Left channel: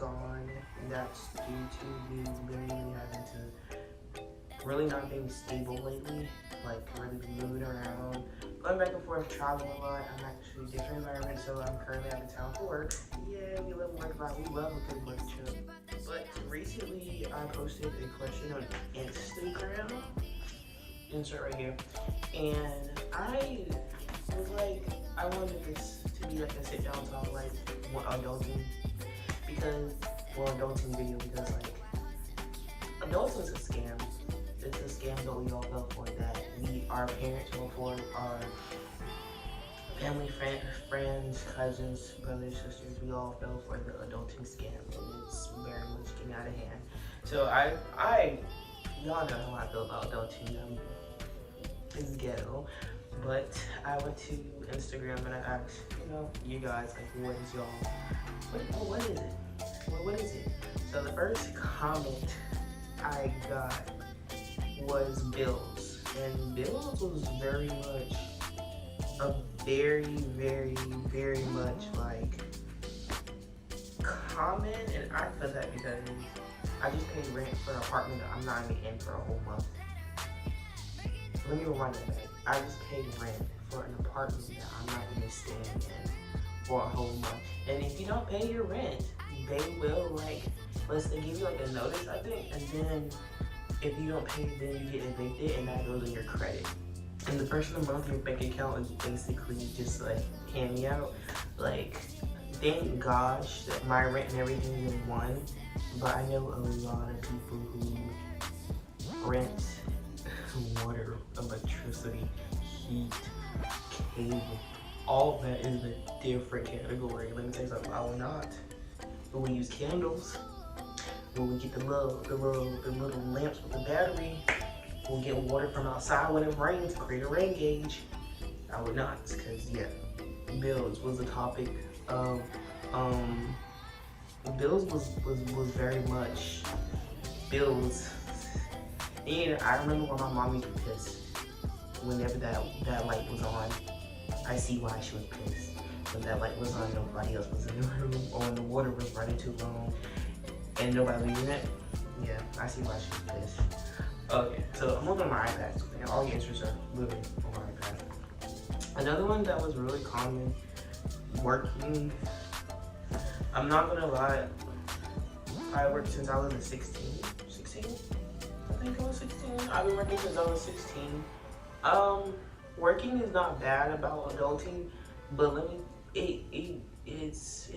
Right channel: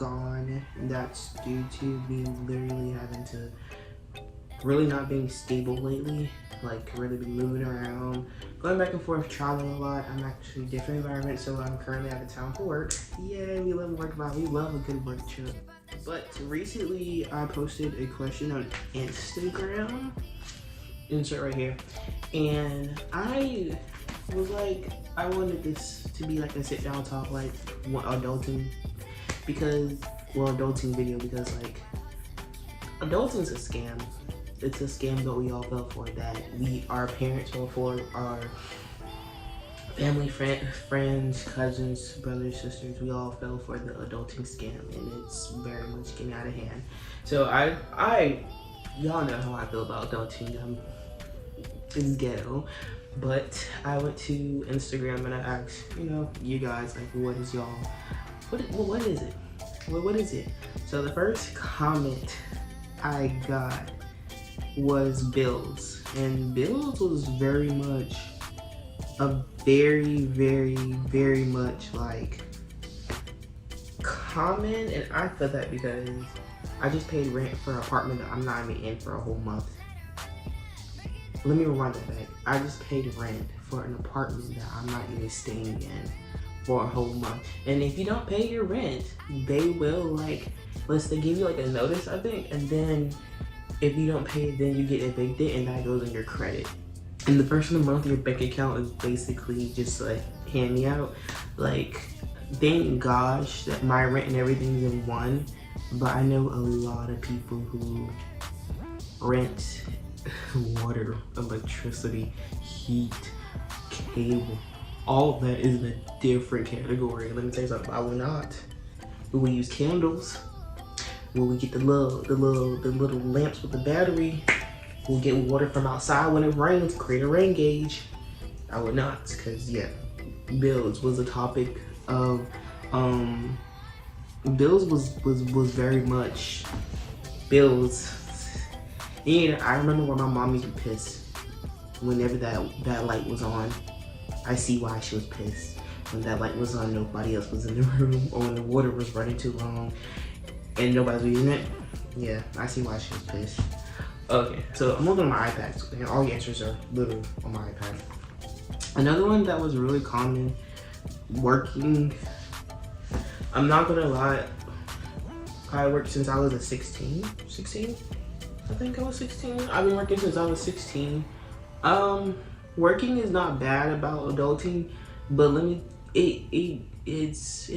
gone. That's due to me literally having to really not being stable lately, like really be moving around, going back and forth, traveling a lot. I'm actually different environment, so I'm currently out of town for work. Yeah, we love work life. We love a good work trip. But recently, I posted a question on Instagram, insert right here, and I was like, I wanted this to be like a sit down talk, like adulting, because, well, adulting video, because like adulting's a scam. It's a scam that we all fell for, that our parents fell for, our family, friends, cousins, brothers, sisters, we all fell for the adulting scam, and it's very much getting out of hand. So y'all know how I feel about adulting. It's ghetto. But I went to Instagram and I asked, you guys, like, what is it? What is it? So the first comment I got was bills, and bills was very much very much like common, and I felt that because I just paid rent for an apartment that I'm not even in for a whole month. Let me rewind that back. I just paid rent for an apartment that I'm not even staying in for a whole month. And if you don't pay your rent, they will they give you like a notice, I think, and then if you don't pay it, then you get evicted, and that goes on your credit. And the first of the month, your bank account is basically just like hand me out. Like, thank gosh that my rent and everything is in one, but I know a lot of people who rent water, electricity, heat, cable, all of that is in a different category. Let me tell you something, I will not. We will use candles. When we get the little lamps with the battery, we'll get water from outside when it rains, create a rain gauge. I would not, because yeah, bills was a topic of bills was very much bills. And I remember when my mom used to piss whenever that light was on. I see why she was pissed. When that light was on, nobody else was in the room, or when the water was running too long and nobody's using it. Yeah, I see why she was pissed. Okay, so I'm looking at my iPad. So all the answers are literally on my iPad. Another one that was really common, working. I'm not gonna lie, I worked since I was 16? I think I was 16. I've been working since I was 16. Working is not bad about adulting, but it's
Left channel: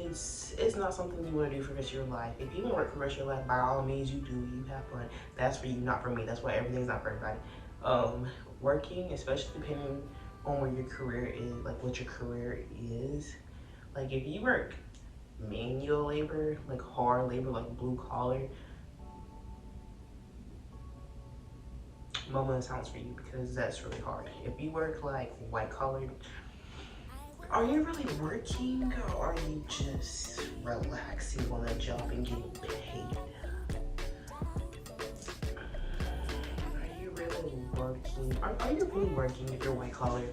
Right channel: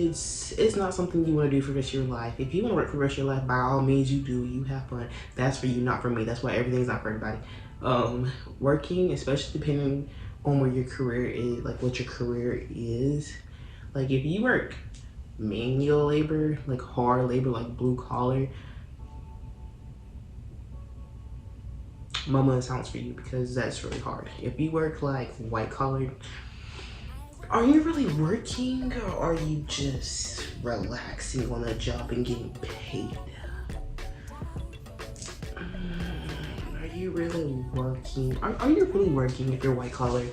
not something you want to do for the rest of your life. If you want to work for the rest of your life, by all means you do. You have fun. That's for you, not for me. That's why everything's not for everybody. Working, especially depending on where your career is, like what your career is. Like if you work manual labor, like hard labor, like blue collar, Mama sounds for you, because that's really hard. If you work like white collar, are you really working, or are you just relaxing on a job and getting paid? Are you really working? Are you really working if you're white collar?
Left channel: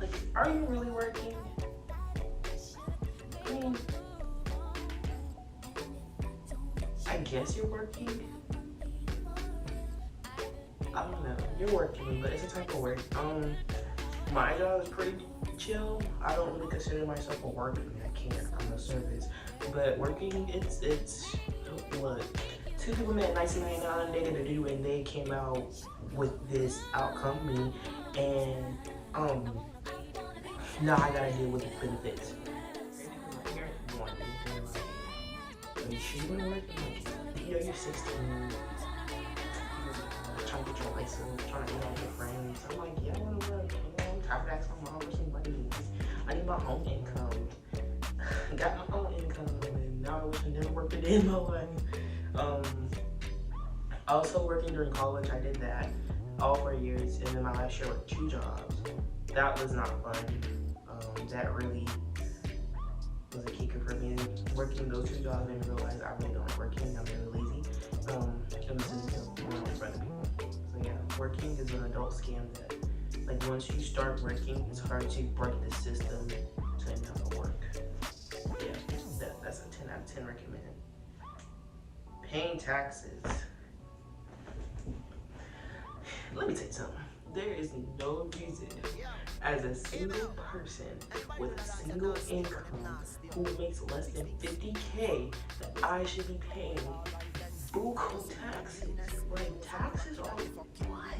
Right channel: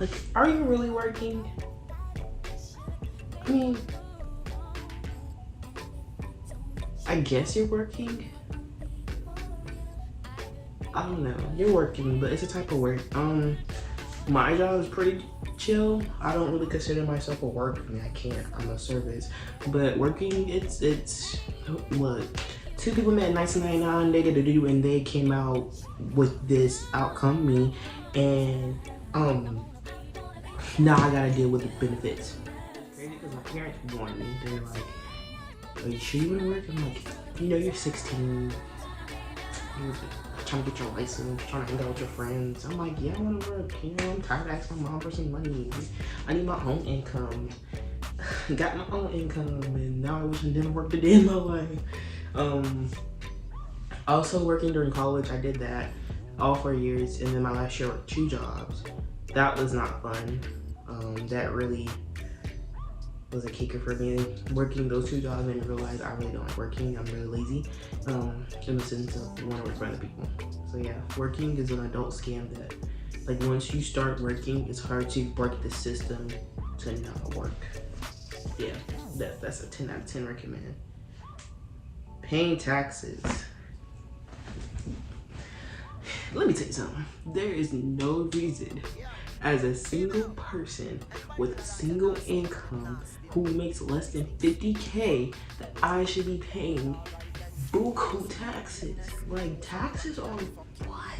Like, are you really working? I mean, I guess you're working. I don't know. You're working, but it's a type of work. My job is pretty chill. I don't really consider myself a work. I mean, I can't. I'm a service. But working, it's what? Two people met in 1999. They did a do, and they came out with this outcome, me, and now I gotta deal with the benefits. Because my parents warned me. They're like, "Are you sure you wanna work?" I'm like, you're 16. You're trying to get your license, trying to hang out with your friends. I'm like, yeah, I want to work. I'm tired of asking my mom for some money. I need my own income. Got my own income, and now I wish I didn't work the day in my life. Also working during college, I did that all 4 years, and then my last year I worked 2 jobs. That was not fun. That really was a kicker for me. Working those 2 jobs made me realize I really don't like working. I'm really lazy. In the sense of wanting to friend people. So yeah, working is an adult scam that, like, once you start working, it's hard to break the system to not work. Yeah, that's a 10 out of 10 recommend. Paying taxes. Let me tell you something. There is no reason as a single person with a single income who makes less than 50K that I should be paying buku taxes. Like, taxes on what?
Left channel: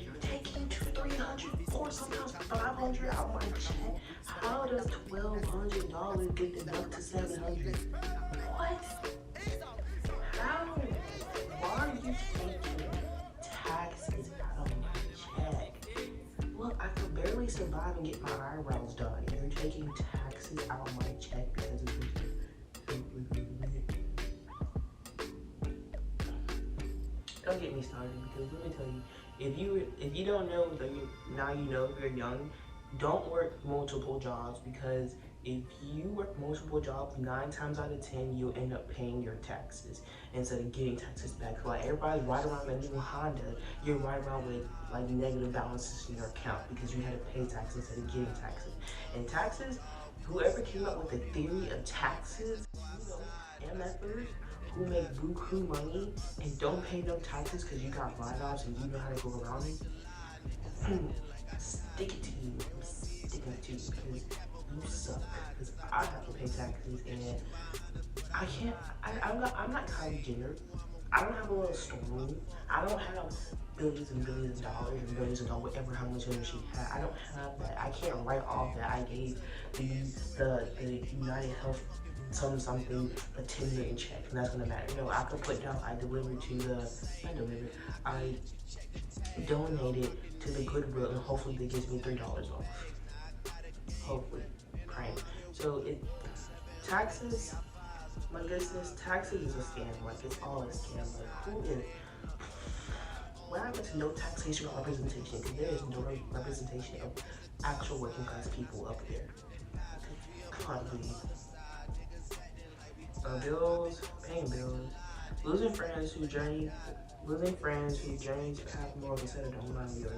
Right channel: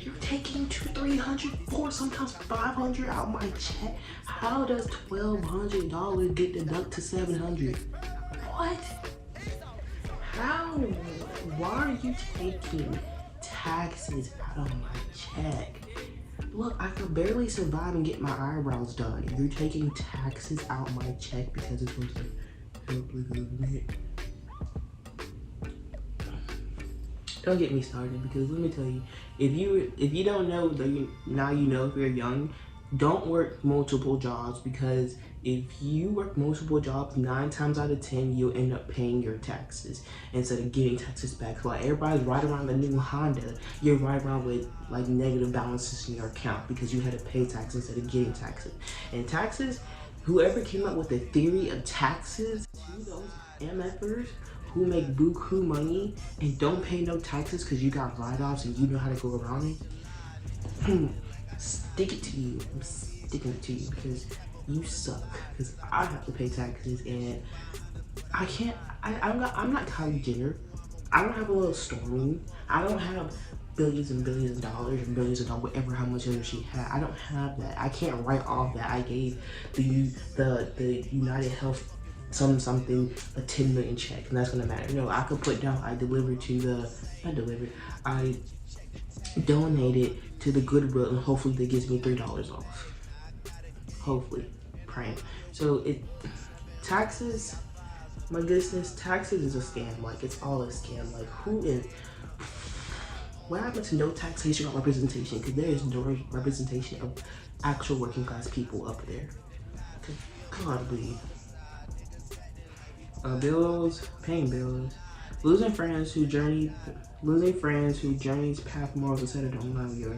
You're taking 200, 300, 400, sometimes 500 out my check. How does $1,200 get deducted to 700? What? How? Why are you taking taxes out of my check? Look, I could barely survive and get my eyebrows done. If you're taking taxes out my check because it's supposed to help the government. Don't get me started, because let me tell you, if you don't know, now you know. If you're young, don't work multiple jobs, because if you work multiple jobs, 9 times out of 10 you'll end up paying your taxes instead of getting taxes back. So like, everybody's riding around the new Honda, you're riding around with like negative balances in your account because you had to pay taxes instead of getting taxes. And taxes, whoever came up with the theory of taxes, those MFers who make buku money and don't pay no taxes because you got write-offs and you know how to go around it, stick it to you. I'm sticking it to you because you suck. Because I have to pay taxes and I can't. I'm not Kylie Jenner. I don't have a little storeroom. I don't have billions and billions of dollars and billions of dollars, whatever how much ever she had. I don't have that. I can't write off that I gave the United Health something a 10 million check, and that's gonna matter. No, I could put down I donated to the Goodwill, and hopefully that gives me $3 off. Hopefully, praying. So taxes, my goodness, taxes is a scam. Like, it's all a scam. Like, what happened to no taxation or representation? Because there is no representation of actual working class people up there. God, please. Bills, paying bills, losing friends who journeys path morals instead of don't mind yours.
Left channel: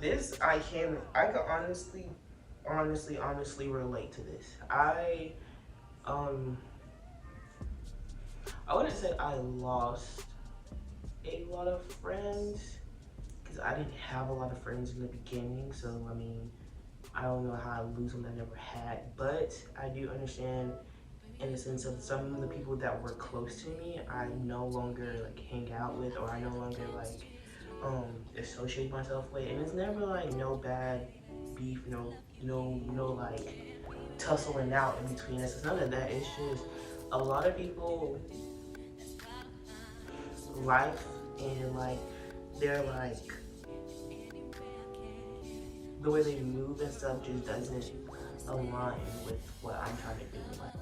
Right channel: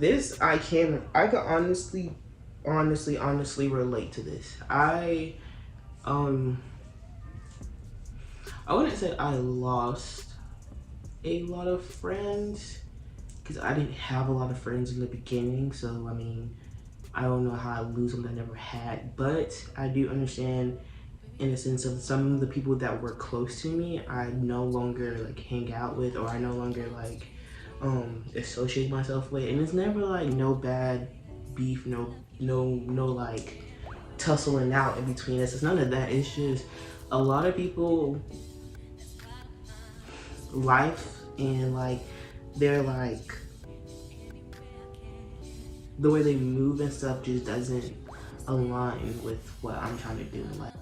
This I could honestly relate to this. I wouldn't say I lost a lot of friends because I didn't have a lot of friends in the beginning. So I mean, I don't know how I lose them that I never had, but I do understand in a sense of some of the people that were close to me, I no longer like hang out with, or I no longer like associate myself with, and it's never like no bad beef, no like tussling out in between us. It's none of that. It's just a lot of people, life and like they're like, the way they move and stuff just doesn't align with what I'm trying to do. Like,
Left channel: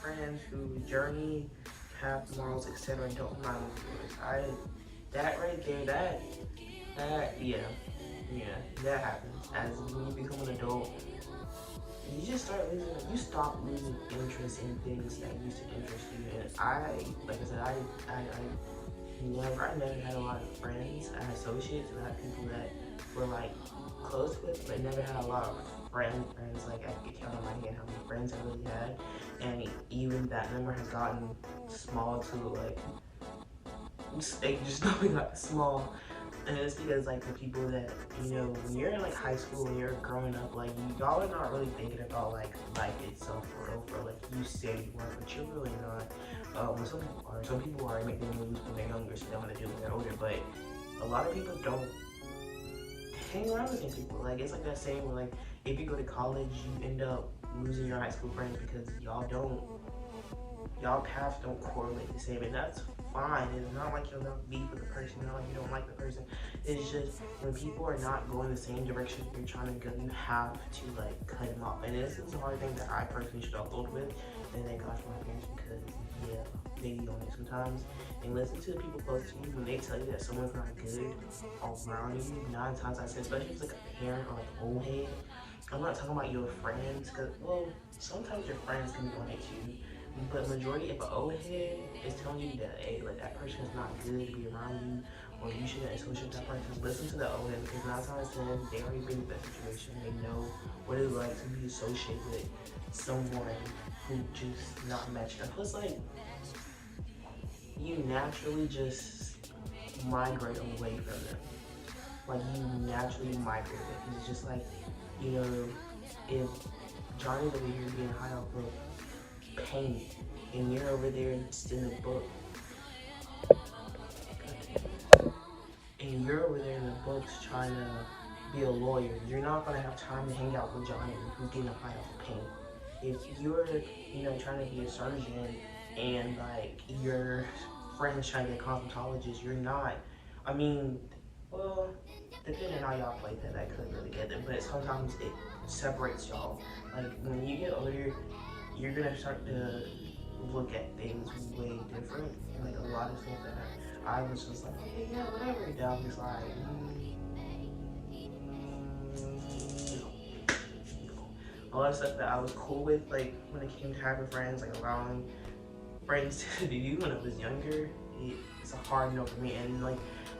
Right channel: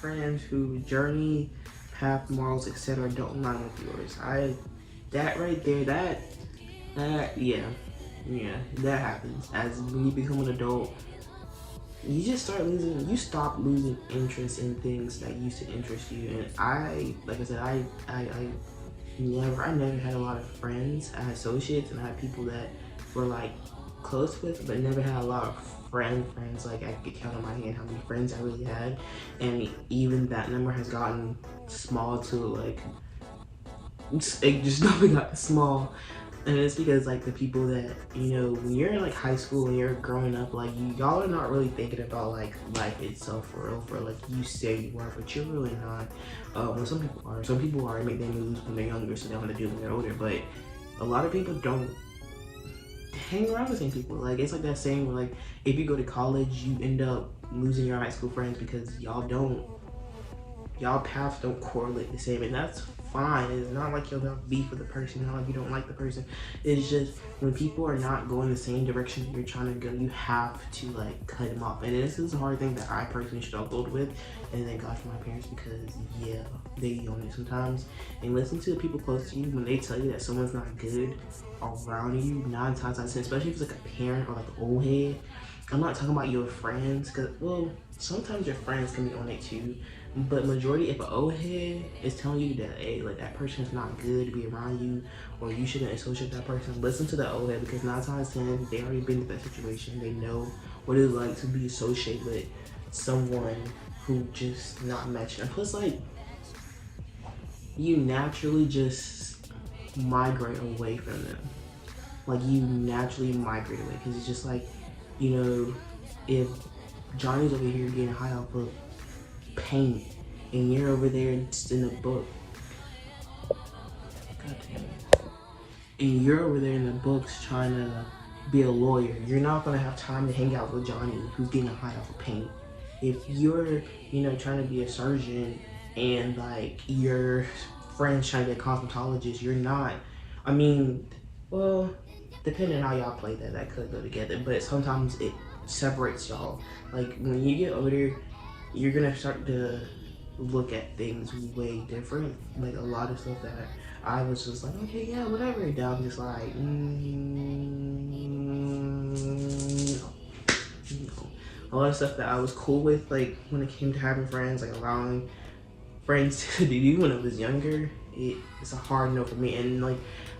friends who journey, path, morals, etc. don't align with yours. That right there, that happens. As when you become an adult, you stop losing interest in things that used to interest you. And I never had a lot of friends. I had associates and I had people that were like close with, but never had a lot of friends. Like, I could count on my hand how many friends I really had, and even that number has gotten small to like, it just nothing got small. And it's because like the people that, you know, when you're in like high school and you're growing up, like y'all are not really thinking about like life itself for like you say you are, but you're really not. When some people are make their moves when they're younger, so they want to do when they're older, but a lot of people don't hang around with the same people. Like, it's like that saying where like if you go to college, you end up losing your high school friends because y'all paths don't correlate the same, and that's fine. It's not like you'll have beef with the person, not like you don't like the person. It's just when people are not going the same direction you're trying to go, you have to like cut them off. And this is a hard thing that I personally struggled with, and thank God for my parents, because they own it sometimes. And listen to the people close to you when they tell you that someone's not good around you. 9 times out of 10, especially if it's like a parent or like an old head. I'm not talking about your friends, because well, sometimes your friends can be on it too. But majority, if an old head is telling you that, hey, like that person's not good to be around you, or you shouldn't associate that person, listen to the old head, because 9 times out of 10, they already been in that situation. They know what it's like to be associated with someone who just not matching. And plus, like, you naturally just migrate away from them. Like, you naturally migrate away because it's just like, you know, if Johnny's over here getting high off of paint and you're over there just in the book, and you're over there in the books trying to be a lawyer, you're not gonna have time to hang out with Johnny who's getting high off of paint. If you're, you know, trying to be a surgeon and like your friends trying to be a cosmetologist, you're not. I mean, well, depending on how y'all play that could go together, but sometimes it separates y'all. Like when you get older, you're gonna start to look at things way different. Like a lot of stuff that I was just like, okay, yeah, whatever. And I'm just like, no. A lot of stuff that I was cool with, like when it came to having friends, like allowing friends to do when I was younger, it's a hard no for me. And like,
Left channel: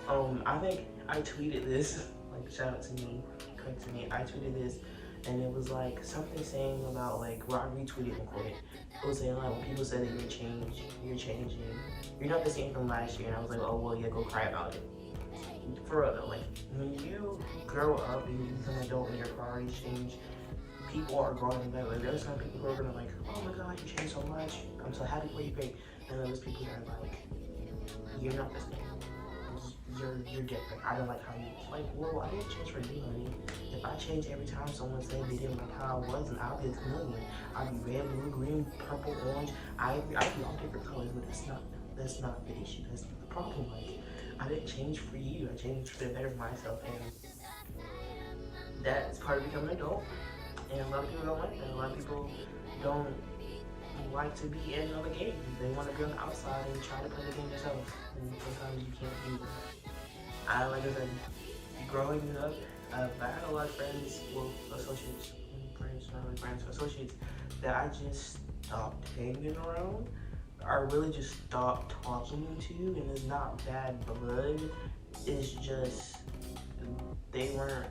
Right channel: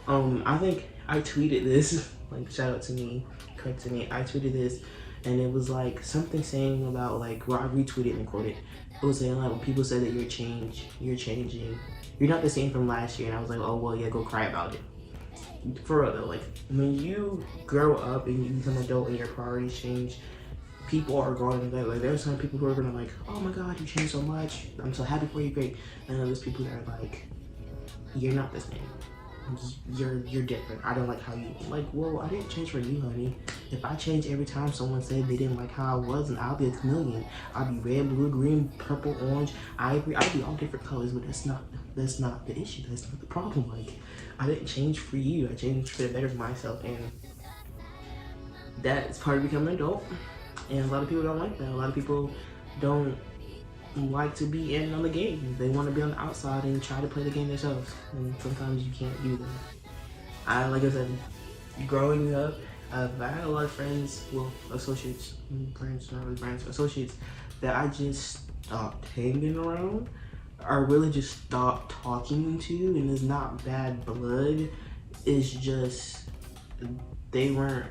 I think I tweeted this, like shout out to me, correct to me, I tweeted this, and it was like something saying about like, well, I retweeted and quoted, it was saying like, when people say that you're changing, you're not the same from last year. And I was like, oh well, yeah, go cry about it. For real though, like when you grow up and you become an adult and your priorities change, people are going to that. Like there's some people who are gonna like, oh my god, you changed so much, I'm so happy for you, great. And then there's people that are like, you're not the same. You're different. I don't like how you like. Well, I didn't change for you, honey. If I change every time someone said they didn't like how I was, and I'll be a chameleon. I'll be red, blue, green, purple, orange, ivory. I'll be all different colors, but that's not the issue. That's not the problem. Like I didn't change for you. I changed for the better for myself, and that is part of becoming an adult. And a lot of people don't like that. A lot of people don't like to be in on the game. They want to be on the outside and try to play the game themselves. And sometimes you can't do that. Like I said, growing up, I had a lot of friends, well, associates, friends, not really friends, associates that I just stopped hanging around, or really just stopped talking to, and it's not bad blood. It's just, they weren't,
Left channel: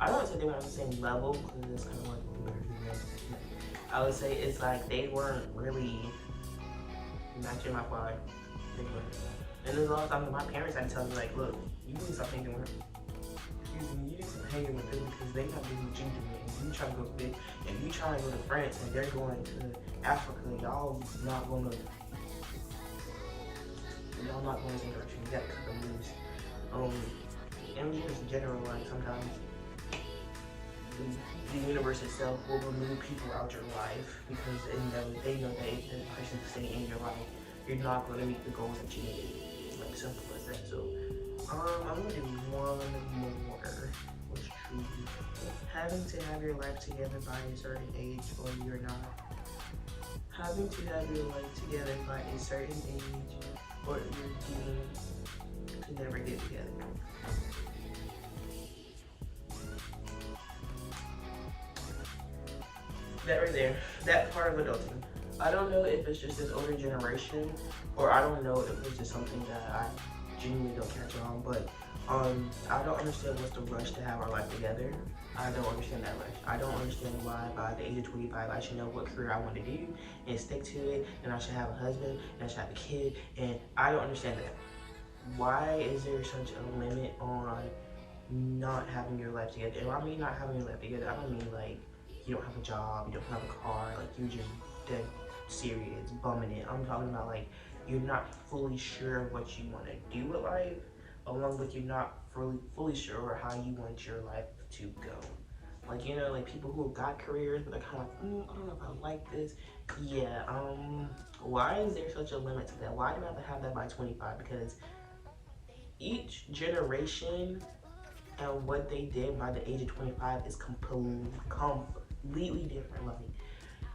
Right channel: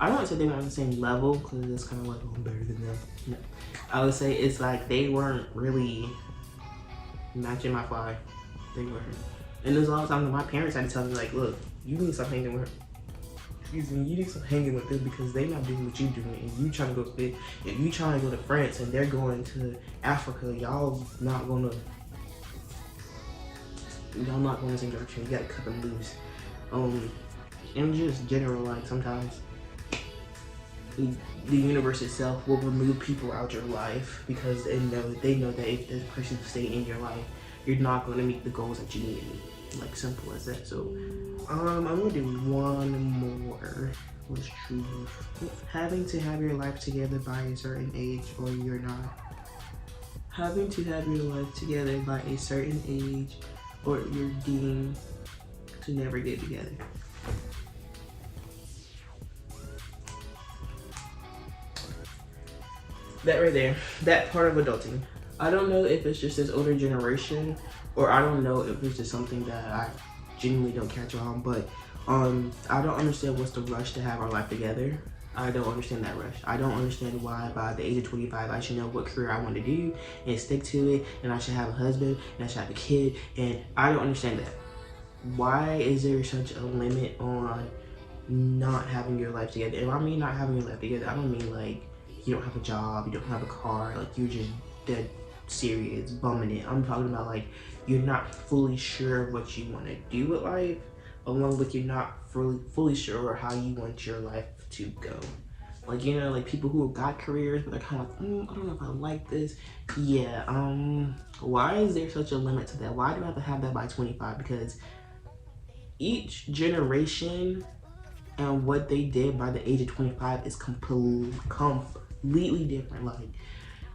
I don't want to say they weren't on the same level, because it's kind of like, oh, I'm better than them. I would say it's like they weren't really matching my vibe. They weren't. And there's a lot of times my parents had to tell me like, look, you need to stop hanging with her. You need to stop hanging with them because they're not doing what you doing. And you trying to go, if you trying to go to France and they're going to Africa, y'all not going to the same direction. You gotta cut them loose. And just general, like sometimes the universe itself will remove people out your life because they know that if this person stay in your life, you're not going to meet the goals that you need. Like simple as that. So I'm gonna do one more. What's true? Having to have your life together by a certain age, or you're not. Having to have your life together by a certain age, or you're deemed to never get together. That right there, that part of adulting. I don't know if it's just this older generation, or I don't know if it's just something that I genuinely don't catch on, but I don't understand what's the rush to have our life together. I don't understand that rush. I don't understand why by the age of 25 I should know what career I want to do and stick to it, and I should have a husband and I should have a kid, and I don't understand that. Why is there such a limit on not having your life together? And I mean not having your life together, I don't mean like you don't have a job, you don't have a car, like you're just dead serious, bumming it. I'm talking about like you're not fully sure what you want to do with life, along with you're not fully sure how you want your life to go. Like, you know, like people who have got careers, but they're kind of like, I don't know if I like this. Yeah, why is there such a limit to that? Why do I have to have that by 25? Because each generation and what they did by the age of 25 is completely different. Like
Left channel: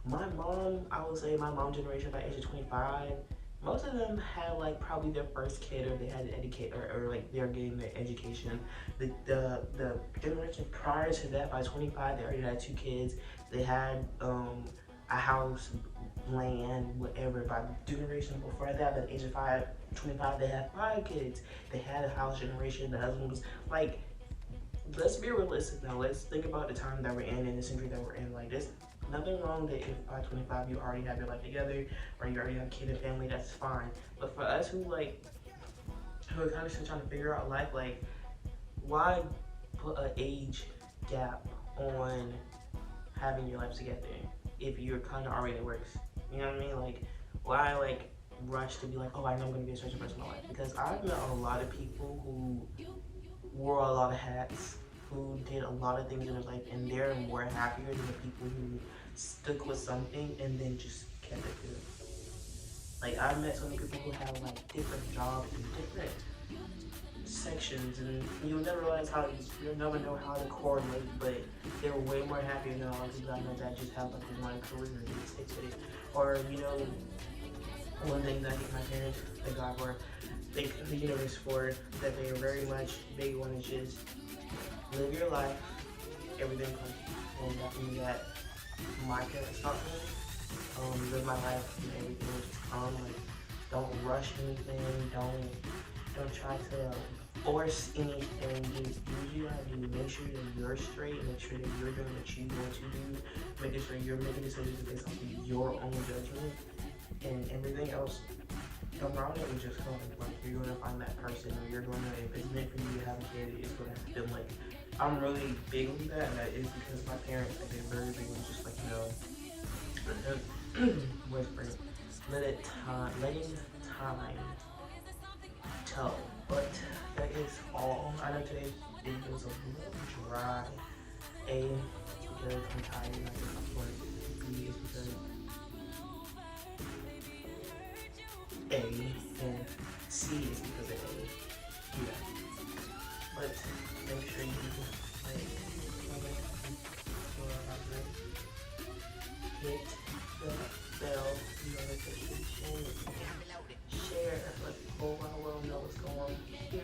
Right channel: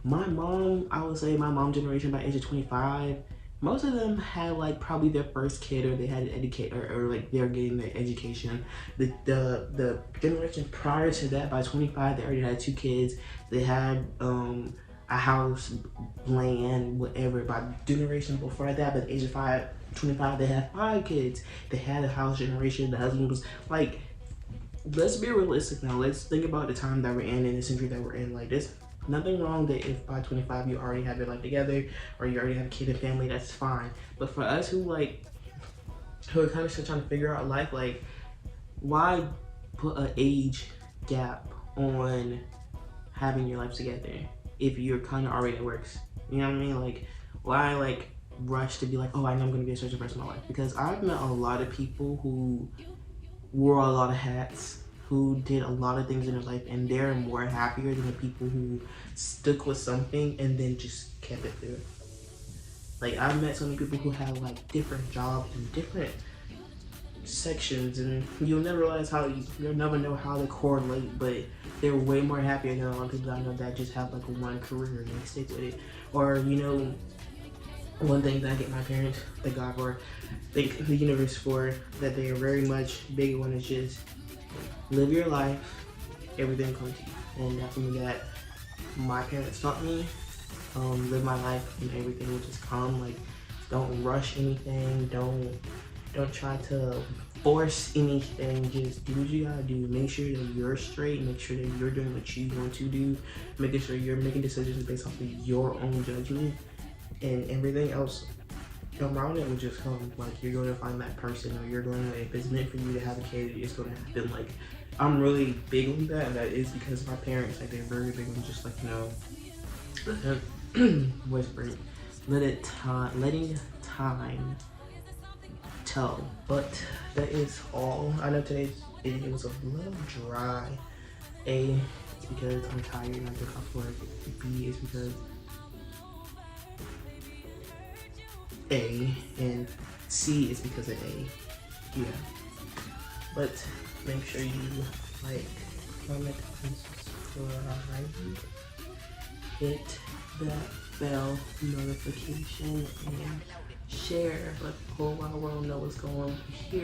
my mom, I would say my mom generation by age of 25, most of them had like probably their first kid, or they had an educator, or like they're getting their education. The generation prior to that, by 25, they already had 2 kids. They had a house, land, whatever. By generation before that, by the age of 25, they had 5 kids. They had a house generation. The husband was like, let's be realistic now. Let's think about the time that we're in the century that we're in. Like this Nothing wrong that if by 25 you already have your life together or you already have a kid and family, that's fine. But for us who are kind of still trying to figure out life, like why put an age gap on having your life together if you're kind of already works? You know what I mean? Like why rush to be like, oh, I know I'm gonna be a certain person in my life? Because I've met a lot of people who wore a lot of hats, who did a lot of things in their life, and they're more happier than the people who stuck with something and then just kept it there. Like I've met so many people who have like different jobs and different sections, and you'll never realize you'll never know how they correlate, but they're way more happier than a lot of people I know that just have like one career and they stick with it. Or one thing that I get my parents, thank God for, thank the universe for, that they are very much big on is just live your life, everything comes to you. And that's something that my parents taught me. Live my life and everything will just come. Like don't rush anything, don't try to force anything, just do what you gotta do. Make sure that you're straight, make sure that you're doing what you want to do, making sure you're making decisions based off of your own judgment, and everything else around it will just come. Like you're going to find that person, or you're going to, if it's meant for you to have a kid, it's going to happen. Like I'm really big on that, and that is because my parents, like they're very big on just like, whispering, letting time tell. But that is all. I know today's video was a little dry. A, because I'm tired and I think I'm bored. B is because A, and C is because of A. Yeah. But make sure you like, comment, subscribe, hit that bell notification, and share. Let the whole wide world know what's going on here.